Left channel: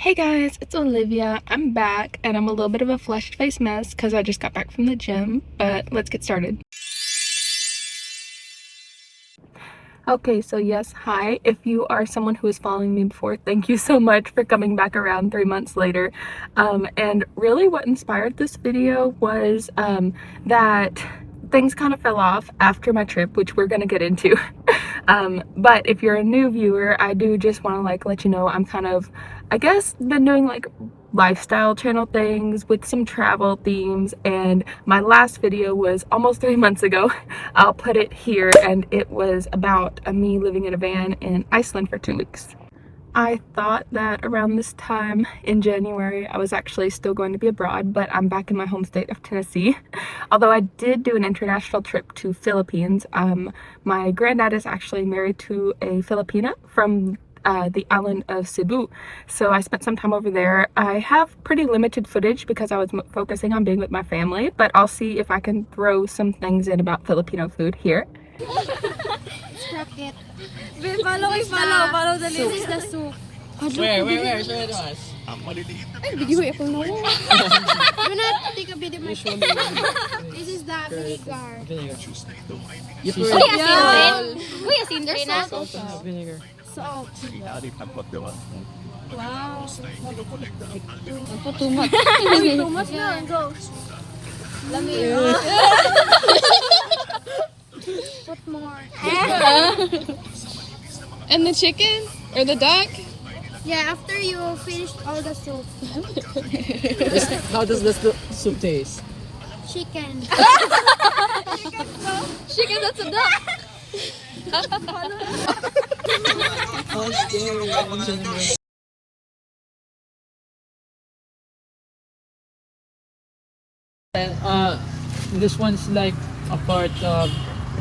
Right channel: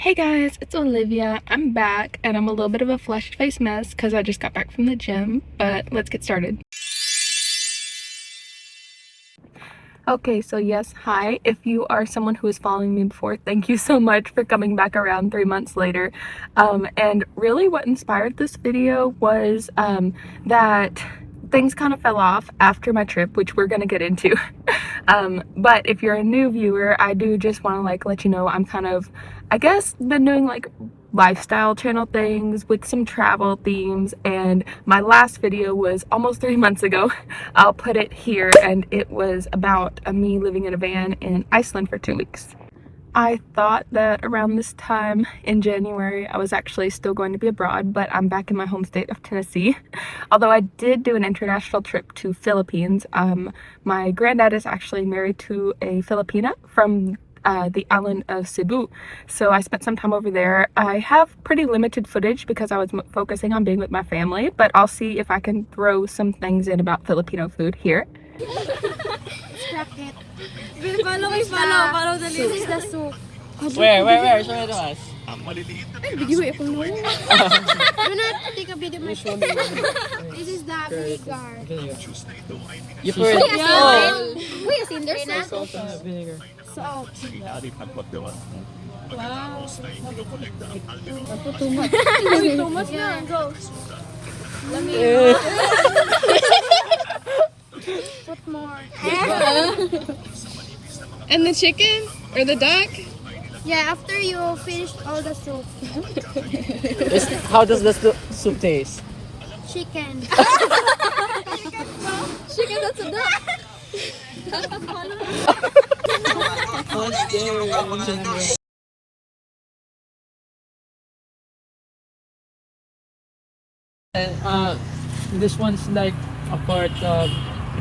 Hey guys, it's Olivia. I'm back and I'm a little bit of a flushed face mess because I just got back from the gym, but let's get started. Okay, so yes, hi. If you are someone who is following me before, thank you so much for coming back around 3 months later. And really what inspired this video was that things kind of fell off after my trip, which we're gonna get into. But if you're a new viewer, I do just want to let you know I'm kind of, I guess, been doing lifestyle channel things with some travel themes, and my last video was almost 3 months ago. I'll put it here, and it was about me living in a van in Iceland for 2 weeks. I thought that around this time in January I was actually still going to be abroad, but I'm back in my home state of Tennessee. Although I did do an international trip to Philippines. My granddad is actually married to a Filipina from the island of Cebu. So I spent some time over there. I have pretty limited footage because I was focusing on being with my family, but I'll see if I can throw some things in about Filipino food here. Bracket. Follow the list. This is the soup. Where? Show it to us. Ay, video ako no. Do not take a video. This is the vinegar. You pour it. Uy, asin din na. Salt and vinegar. Salt. Wow. Ito too much. Uy, too much na. Go. Put more. And the chicken? Or the duck? Yeah, after you finish all the soup. How does the soup taste? Chicken. Chicken, that's a duck! This one's like a part of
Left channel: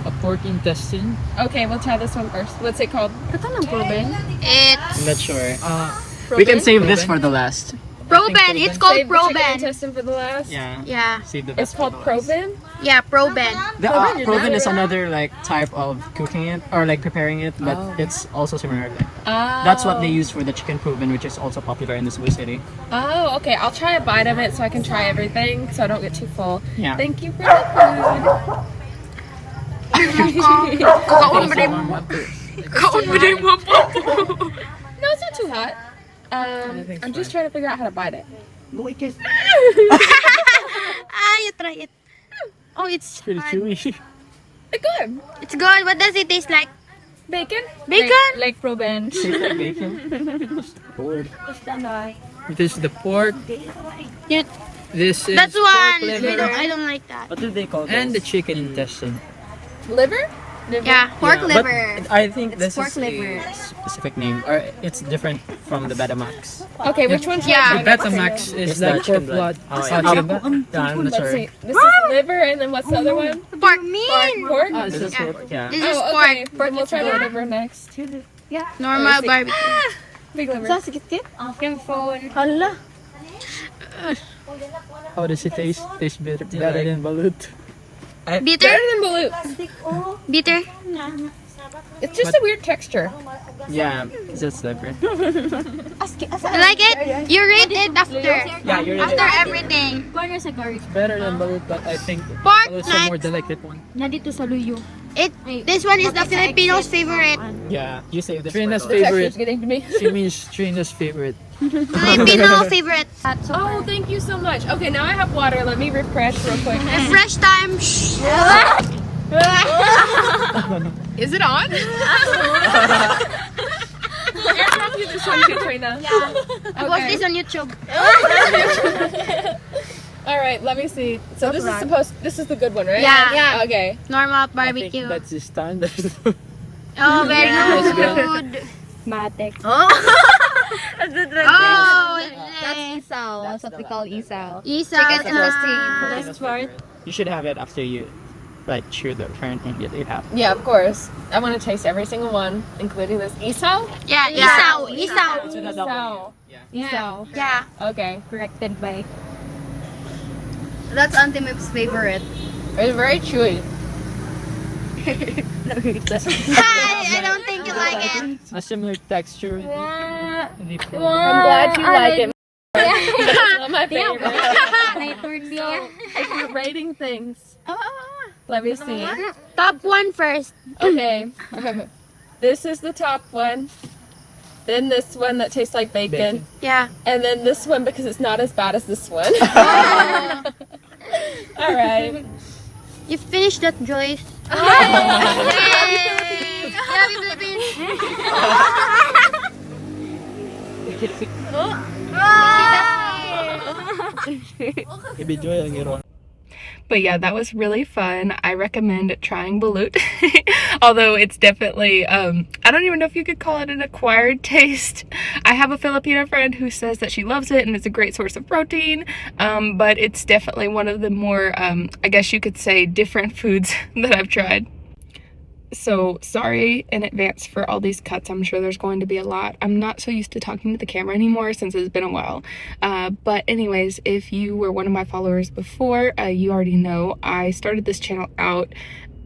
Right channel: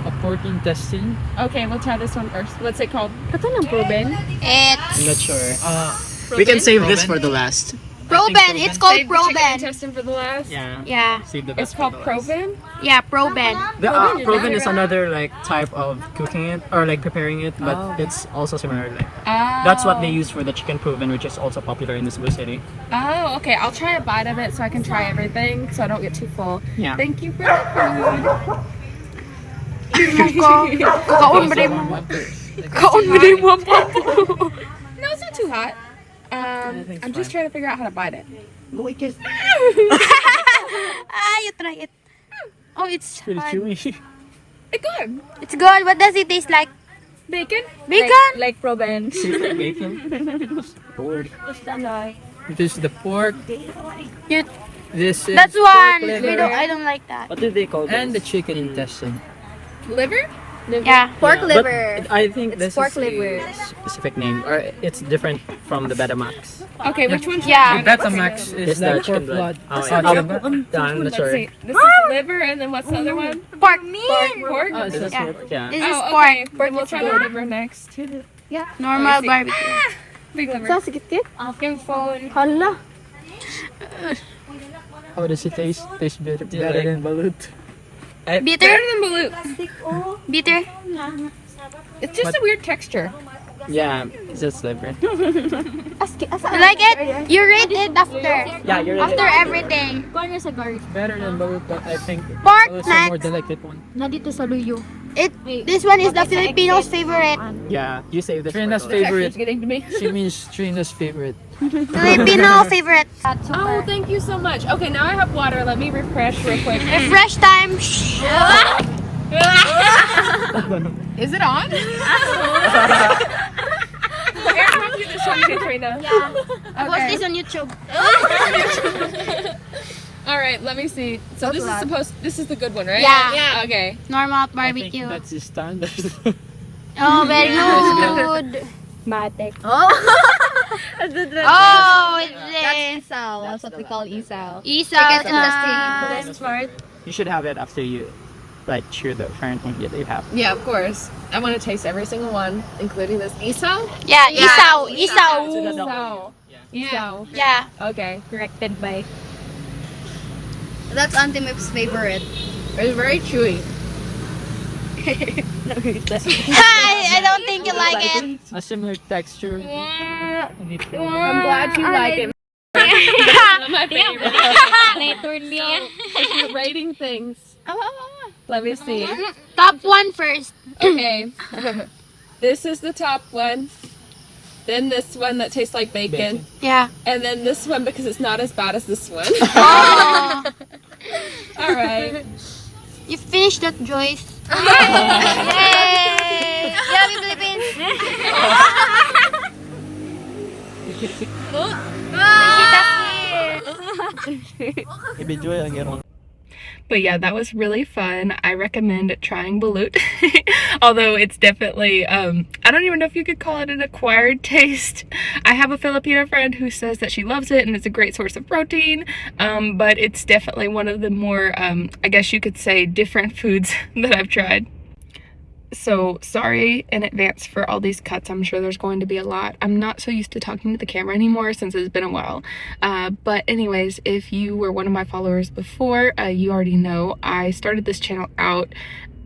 a pork intestine. Okay, we'll try this one first. What's it called? What's on the bourbon? I'm not sure. We can save this for the last. Proben. It's called Save the chicken Proben. intestine for the last? Yeah. Yeah. Save the It's best called for the last. Proven? Yeah, Proben. The proven is another type of cooking it or preparing it, but it's also similar. That's what they use for the chicken proven, which is also popular in the Cebu city. Oh, okay. I'll try a bite of it so I can try everything so I don't get too full. Yeah. Thank you for the food. No, it's not too hot. I'm just trying to figure out how to bite it. You try it. Oh, it's Pretty fun. chewy. It's good. It's good. What does it taste like? Bacon? Bacon? Like Proven. Bacon. Bored. Because the pork. Yeah. This is That's pork one. liver. I don't like that. What do they call it? And the chicken intestine. Liver? Yeah, pork Yeah, liver. but I think this pork is liver. a specific name, or it's different from the Betamax. Okay, which one's Yeah. your Betamax is the pork blood. I'm not Let's sure. see. This is liver, and then what's the other one? Pork mean. Pork? Oh, this is Yeah. pork. Yeah. This is Oh, pork. okay. Then we'll try the liver next. Normal barbecue. Big liver. Yung phone. Hala. How does it taste? Taste better than balut. Bitter? Better than balut. Bitter? It's just a weird texture. Yeah, it's just different. I like it. You rate it after. Yeah, you're After everything. It's better than balut, but I think Pork balut's a more next. delicate one. Nandito sa Luyo. This one is the Filipino's favorite. Yeah, you say this. Trina's The texture's favorite. getting to me. She means Trina's favorite. Filipino favorite. Oh, thank you so much. Okay, now I have water. Let me refresh real quick. Fresh time. Is it on? Aaron, you just show me Trina. Yeah. Post Okay. this on YouTube. All right, let me see. So this is the good one, right? Yeah. Okay. Normal I think barbecue. that's the standard. Oh, very good. Matic. Oh, it's That's this. isaw. That's what we call isaw. Isa. Chicken intestine. Part. You should have it after you chew the current thing that they have. Yeah, of course. I want to taste every single one, including this isaw. Yeah, isaw. Isaw. Isaw. Isaw. Yeah. Okay. Corrected by. That's Auntie Mip's favorite. It's very chewy. I don't think you like it. A similar texture. I'm glad you like it. Not my favorite. Rating things. Let me see. Top one first. Okay. This is the top one. Then this one that tastes like bacon. Yeah. And then this one because it's not as bad as this one. Alright. You finished that, Joyce. But yeah, that was really fun. I recommend trying balut. Although it's definitely, I don't even know if you could call it an acquired taste. I have a Filipino friend who says that she loves it and it's a great source of protein. But it's definitely one of the more, I guess you could say, different foods that I've tried. So sorry in advance for all these cuts. I'm sure there's going to be a lot. I'm not so used to talking to the camera anymore since it's been a while. But anyways, if you were one of my followers before, you already know I started this channel out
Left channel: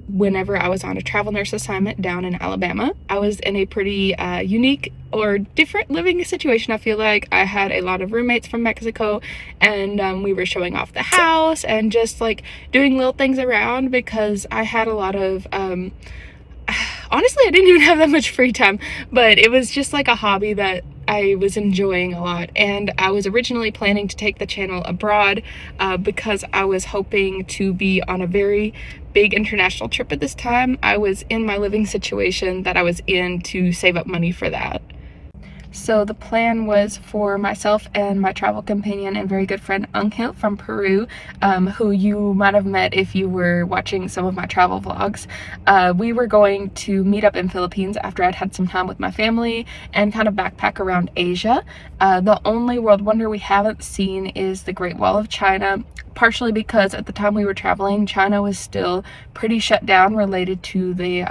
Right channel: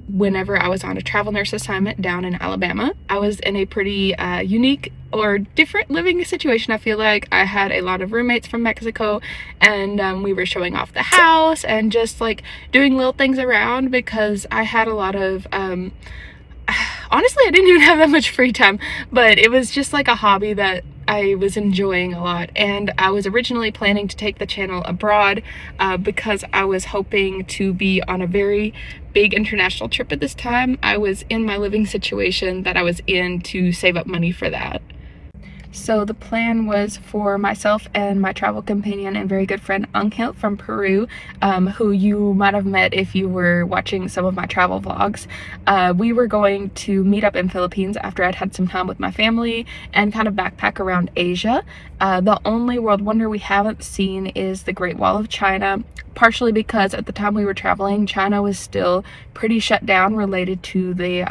whenever I was on a travel nurse assignment down in Alabama. I was in a pretty unique or different living situation. I feel like I had a lot of roommates from Mexico, and we were showing off the house and just like doing little things around because I had a lot of honestly, I didn't even have that much free time, but it was just like a hobby that I was enjoying a lot. And I was originally planning to take the channel abroad because I was hoping to be on a very big international trip at this time. I was in my living situation that I was in to save up money for that. So the plan was for myself and my travel companion and very good friend Angel from Peru, who you might have met if you were watching some of my travel vlogs. We were going to meet up in Philippines after I'd had some time with my family and kind of backpack around Asia. The only world wonder we haven't seen is the Great Wall of China, partially because at the time we were traveling, China was still pretty shut down related to the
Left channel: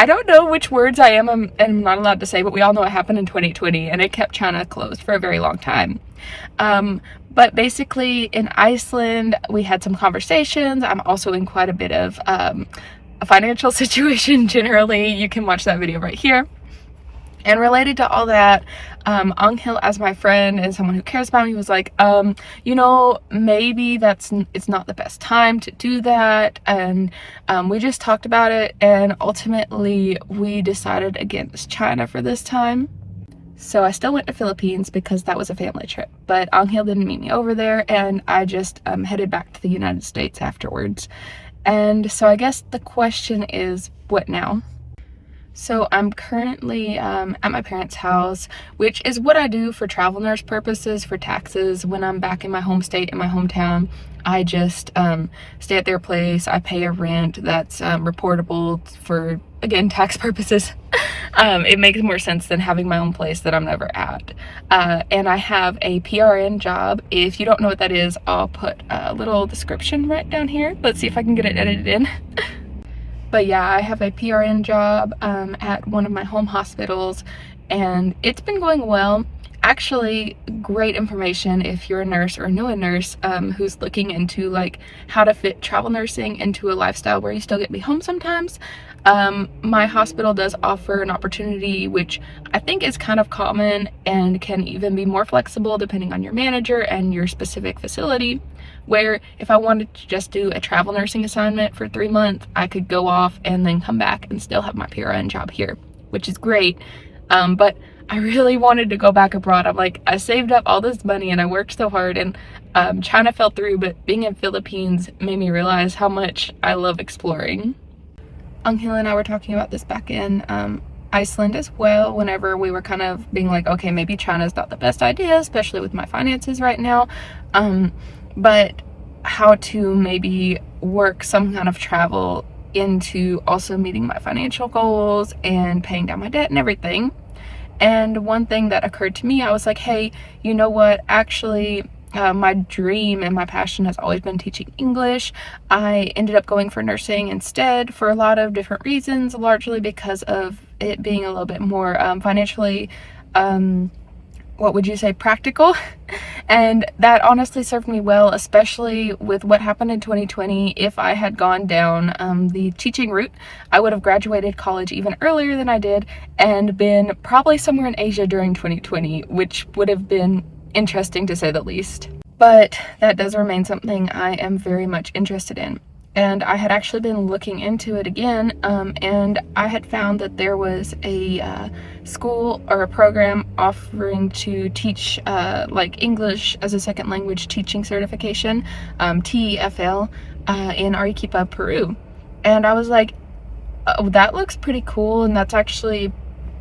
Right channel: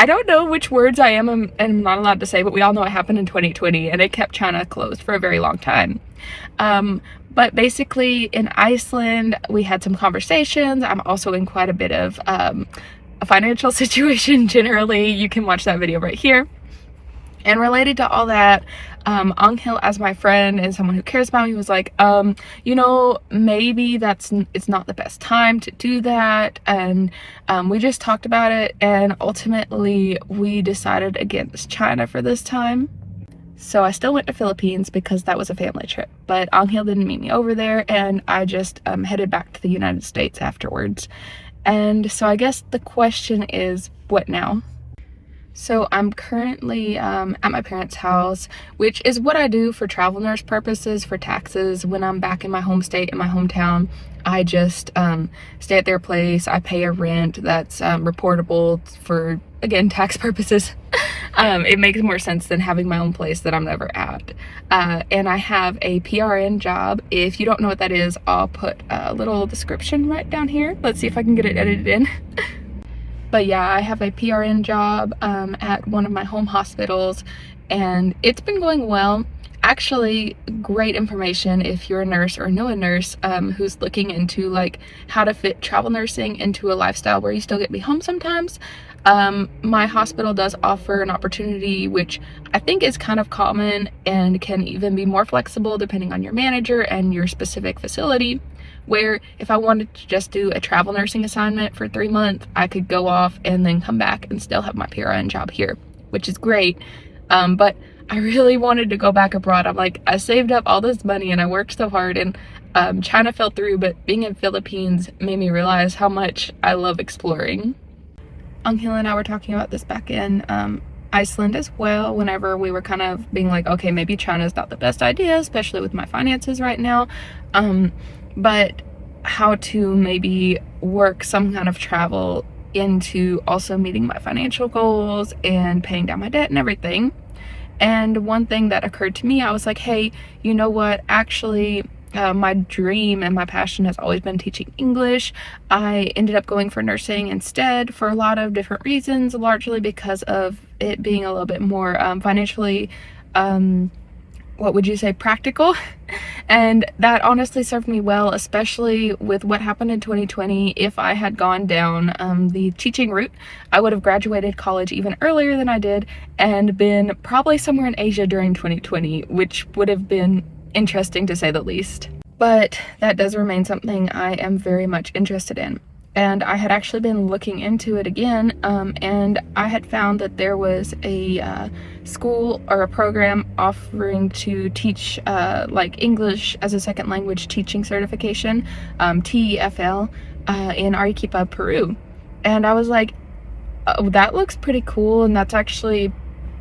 I don't know which words I am and I'm not allowed to say, but we all know what happened in 2020 and it kept China closed for a very long time. But basically in Iceland, we had some conversations. I'm also in quite a bit of a financial situation generally. You can watch that video right here. And related to all that, Angel, as my friend and someone who cares about me, was like, you know, maybe it's not the best time to do that. And we just talked about it, and ultimately we decided against China for this time. So I still went to Philippines because that was a family trip, but Angel didn't meet me over there, and I just headed back to the United States afterwards. And so I guess the question is, what now? So I'm currently at my parents' house, which is what I do for travel nurse purposes, for taxes. When I'm back in my home state, in my hometown, I just stay at their place. I pay a rent that's reportable for, again, tax purposes. It makes more sense than having my own place that I'm never at. And I have a PRN job. If you don't know what that is, I'll put a little description right down here. Let's see if I can get it edited in. But yeah, I have a PRN job at one of my home hospitals, and it's been going well. Actually, great information if you're a nurse or know a nurse who's looking into like how to fit travel nursing into a lifestyle where you still get to be home sometimes. My hospital does offer an opportunity which I think is kind of common and can even be more flexible depending on your manager and your specific facility, where if I wanted to just do a travel nursing assignment for 3 months, I could go off and then come back and still have my PRN job here, which is great. But I really wanted to go back abroad. I'm like, I saved up all this money and I worked so hard, and China fell through, but being in Philippines made me realize how much I love exploring. Angel and I were talking about this back in Iceland as well, whenever we were kind of being like, okay, maybe China's not the best idea, especially with my finances right now. But how to maybe work some kind of travel into also meeting my financial goals and paying down my debt and everything. And one thing that occurred to me, I was like, hey, you know what, actually my dream and my passion has always been teaching English. I ended up going for nursing instead for a lot of different reasons, largely because of it being a little bit more financially what would you say, practical. And that honestly served me well, especially with what happened in 2020. If I had gone down the teaching route, I would have graduated college even earlier than I did and been probably somewhere in Asia during 2020, which would have been interesting to say the least. But that does remain something I am very much interested in. And I had actually been looking into it again, and I had found that there was a school or a program offering to teach like English as a second language teaching certification, TEFL, in Arequipa, Peru. And I was like, oh, that looks pretty cool, and that's actually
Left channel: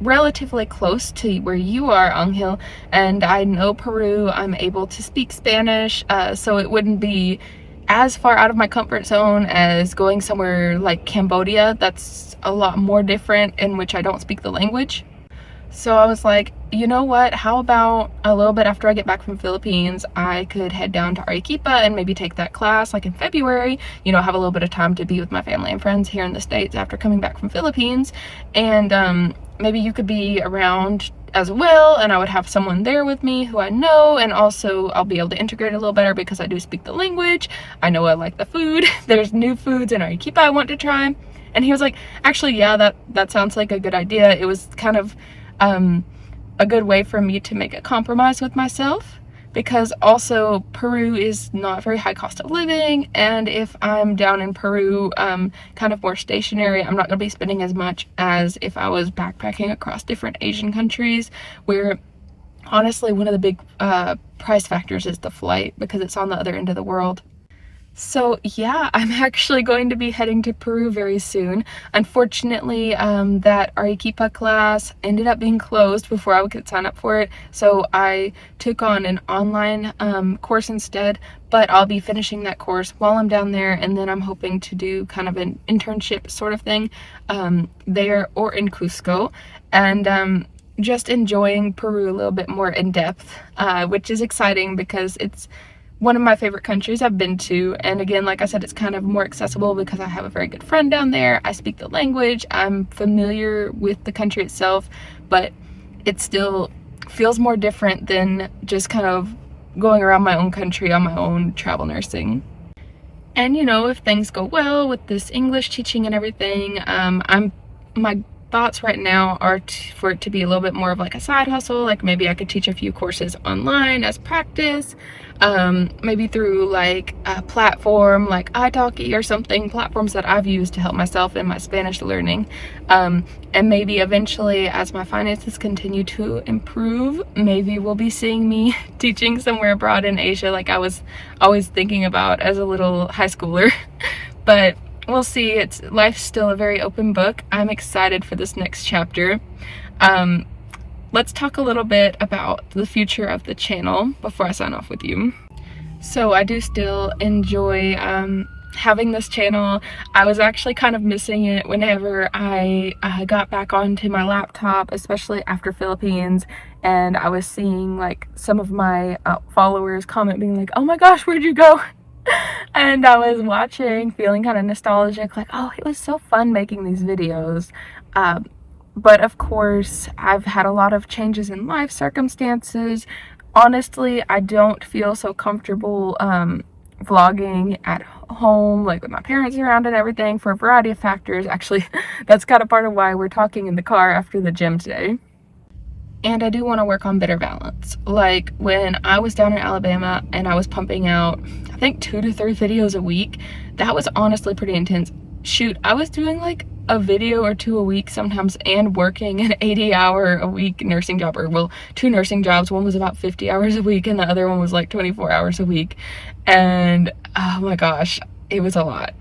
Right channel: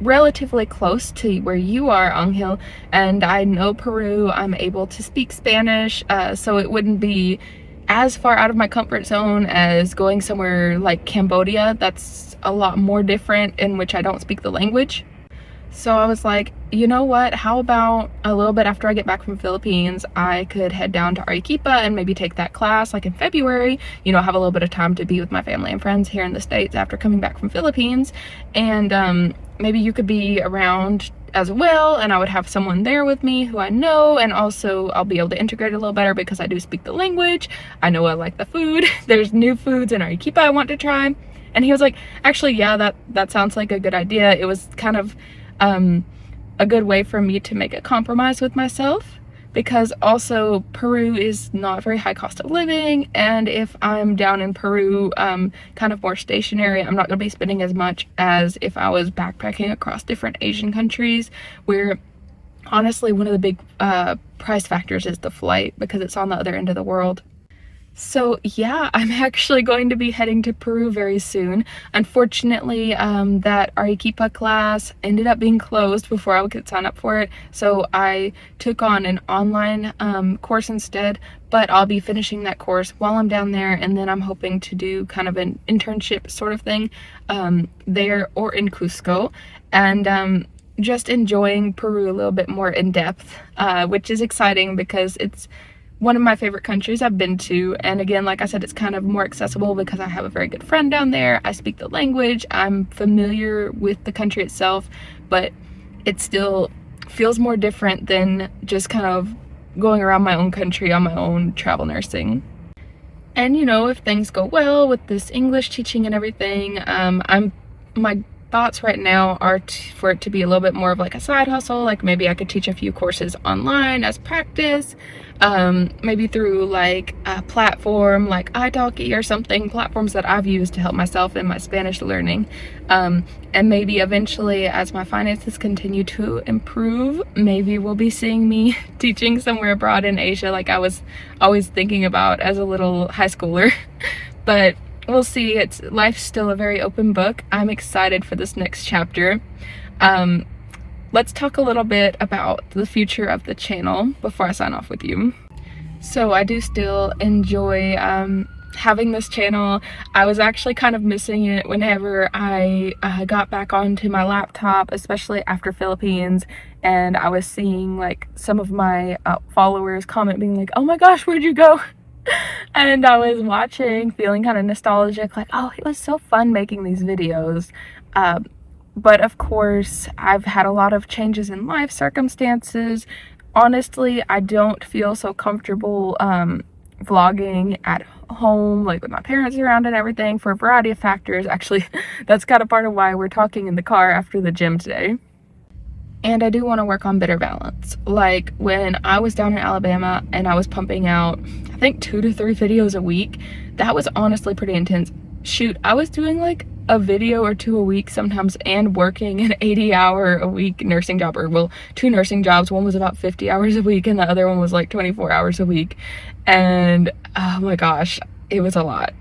relatively close to where you are, Angel, and I know Peru. I'm able to speak Spanish, so it wouldn't be as far out of my comfort zone as going somewhere like Cambodia. That's a lot more different, in which I don't speak the language. So I was like, you know what, how about a little bit after I get back from Philippines, I could head down to Arequipa and maybe take that class like in February, you know, have a little bit of time to be with my family and friends here in the States after coming back from Philippines. And maybe you could be around as well, and I would have someone there with me who I know, and also I'll be able to integrate a little better because I do speak the language. I know I like the food. There's new foods in Arequipa I want to try. And he was like, actually, yeah, that sounds like a good idea. It was kind of a good way for me to make a compromise with myself, because also Peru is not very high cost of living, and if I'm down in Peru kind of more stationary, I'm not going to be spending as much as if I was backpacking across different Asian countries, where honestly one of the big price factors is the flight, because it's on the other end of the world. So yeah, I'm actually going to be heading to Peru very soon. Unfortunately, that Arequipa class ended up being closed before I could sign up for it. So I took on an online course instead, but I'll be finishing that course while I'm down there. And then I'm hoping to do kind of an internship sort of thing there or in Cusco. And just enjoying Peru a little bit more in depth, which is exciting because it's one of my favorite countries I've been to. And again, like I said, it's kind of more accessible because I have a very good friend down there. I speak the language. I'm familiar with the country itself, but it still feels more different than just kind of going around my own country on my own travel nursing. And you know, if things go well with this English teaching and everything, my thoughts right now are for it to be a little bit more of like a side hustle. Like maybe I could teach a few courses online as practice, maybe through like a platform like italki or something, platforms that I've used to help myself in my Spanish learning. And maybe eventually, as my finances continue to improve, maybe we'll be seeing me teaching somewhere abroad in Asia, like I was always thinking about as a little high schooler. But we'll see. Life's still a very open book. I'm excited for this next chapter. Let's talk a little bit about the future of the channel before I sign off with you. So I do still enjoy having this channel. I was actually kind of missing it whenever I got back onto my laptop, especially after Philippines, and I was seeing like some of my followers comment being like, oh my gosh, where'd you go? And I was watching, feeling kind of nostalgic, like, oh, it was so fun making these videos. But of course, I've had a lot of changes in life circumstances. Honestly, I don't feel so comfortable vlogging at home, like with my parents around and everything, for a variety of factors. Actually, that's kind of part of why we're talking in the car after the gym today. And I do want to work on better balance. Like when I was down in Alabama and I was pumping out, I think 2 to 3 videos a week, that was honestly pretty intense. Shoot, I was doing like a video or 2 a week sometimes, and working an 80-hour-a-week nursing job, or well, 2 nursing jobs. One was about 50 hours a week and the other one was like 24 hours a week. And oh my gosh, it was a lot.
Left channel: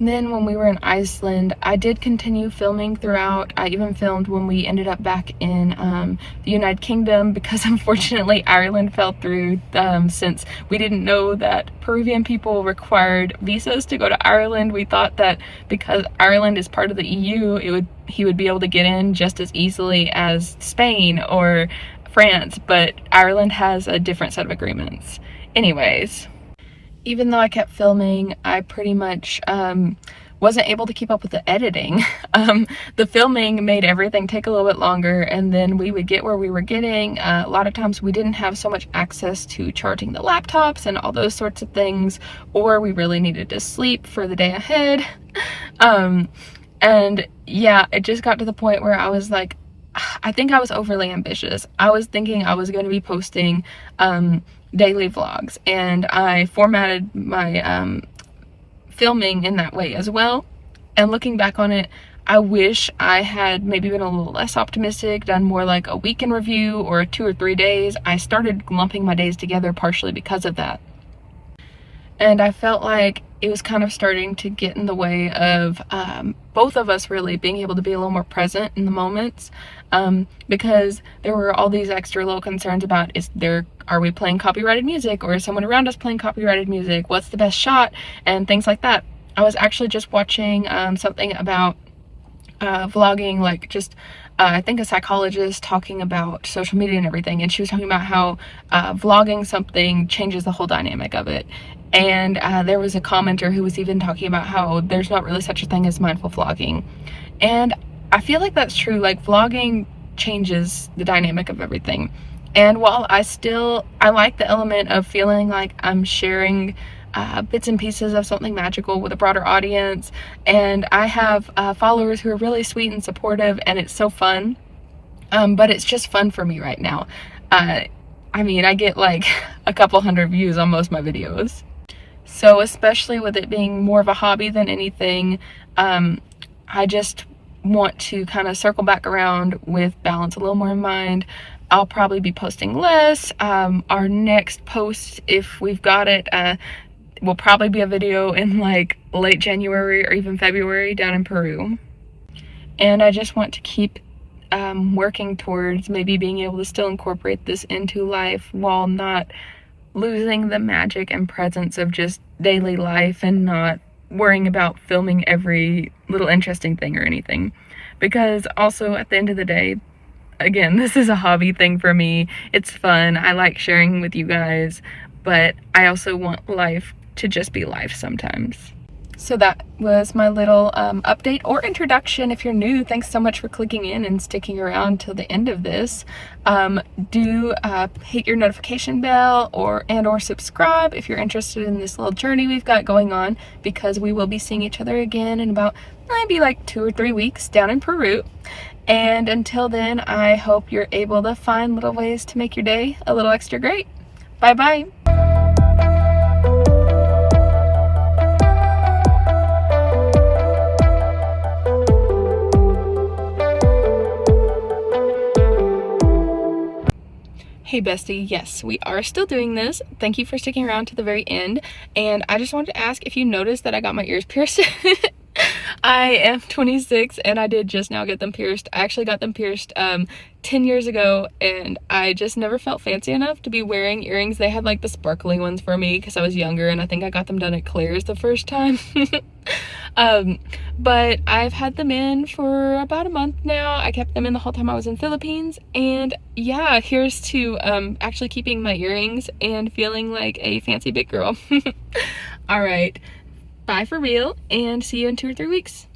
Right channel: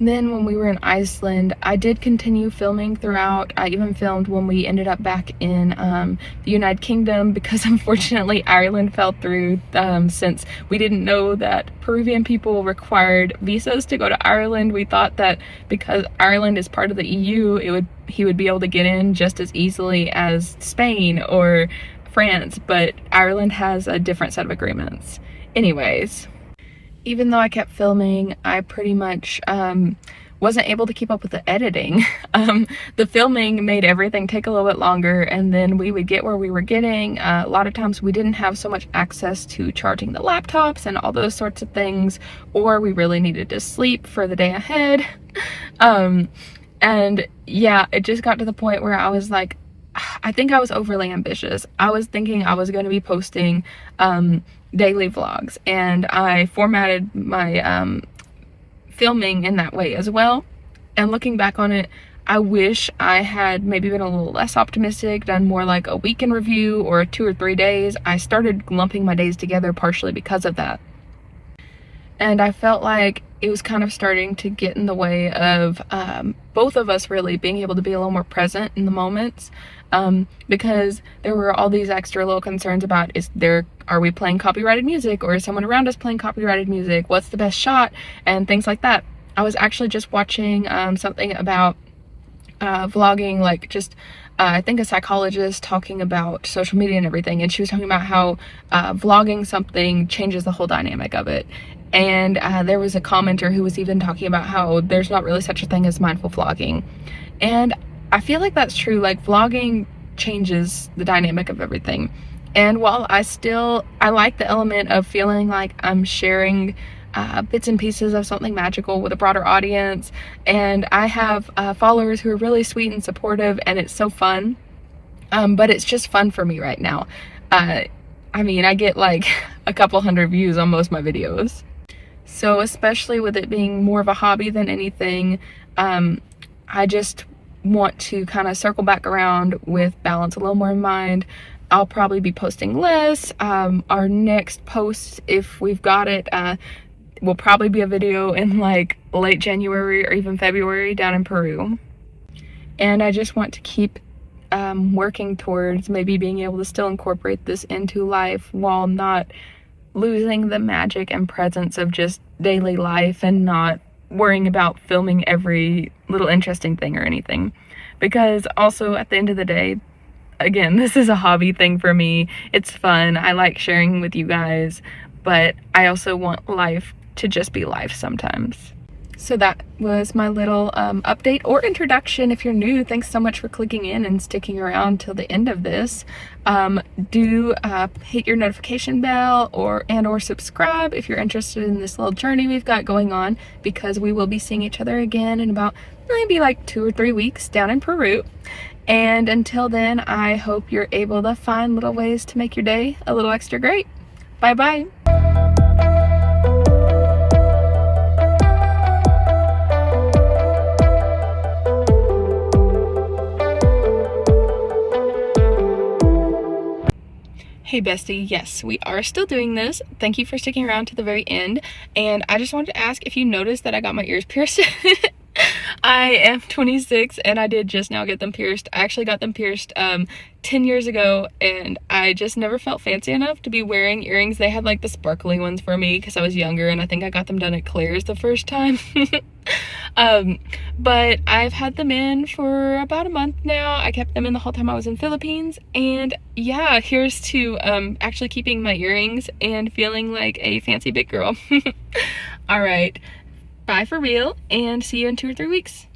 Then when we were in Iceland, I did continue filming throughout. I even filmed when we ended up back in the United Kingdom, because unfortunately Ireland fell through since we didn't know that Peruvian people required visas to go to Ireland. We thought that because Ireland is part of the EU, he would be able to get in just as easily as Spain or France, but Ireland has a different set of agreements. Anyways, even though I kept filming, I pretty much wasn't able to keep up with the editing. The filming made everything take a little bit longer, and then we would get where we were getting. A lot of times we didn't have so much access to charging the laptops and all those sorts of things, or we really needed to sleep for the day ahead. And yeah, it just got to the point where I was like, I think I was overly ambitious. I was thinking I was going to be posting daily vlogs, and I formatted my filming in that way as well. And looking back on it, I wish I had maybe been a little less optimistic, done more like a weekend review or 2 or 3 days. I started lumping my days together partially because of that. And I felt like it was kind of starting to get in the way of both of us really being able to be a little more present in the moments, because there were all these extra little concerns about, are we playing copyrighted music, or is someone around us playing copyrighted music? What's the best shot? And things like that. I was actually just watching something about vlogging, like just I think a psychologist talking about social media and everything, and she was talking about how vlogging something changes the whole dynamic of it. And there was a commenter who was even talking about how there's not really such a thing as mindful vlogging. And I feel like that's true. Like, vlogging changes the dynamic of everything. And while I like the element of feeling like I'm sharing bits and pieces of something magical with a broader audience, and I have followers who are really sweet and supportive, and it's so fun, but it's just fun for me right now. I mean, I get like a couple hundred views on most of my videos. So especially with it being more of a hobby than anything, I just want to kind of circle back around with balance a little more in mind. I'll probably be posting less. Our next post, if we've got it, will probably be a video in like late January or even February down in Peru. And I just want to keep working towards maybe being able to still incorporate this into life while not losing the magic and presence of just daily life, and not worrying about filming every little interesting thing or anything. Because also, at the end of the day, again, this is a hobby thing for me. It's fun. I like sharing with you guys, but I also want life to just be life sometimes. So that was my little update or introduction. If you're new, thanks so much for clicking in and sticking around till the end of this. Do hit your notification bell or subscribe if you're interested in this little journey we've got going on, because we will be seeing each other again in about maybe like 2 or 3 weeks down in Peru. And until then, I hope you're able to find little ways to make your day a little extra great. Bye bye. Hey bestie, yes, we are still doing this. Thank you for sticking around to the very end. And I just wanted to ask if you noticed that I got my ears pierced. I am 26 and I did just now get them pierced. I actually got them pierced 10 years ago, and I just never felt fancy enough to be wearing earrings. They had like the sparkly ones for me because I was younger, and I think I got them done at Claire's the first time. But I've had them in for about a month now. I kept them in the whole time I was in Philippines, and yeah, here's to actually keeping my earrings and feeling like a fancy big girl. All right, bye for real, and see you in 2 or 3 weeks.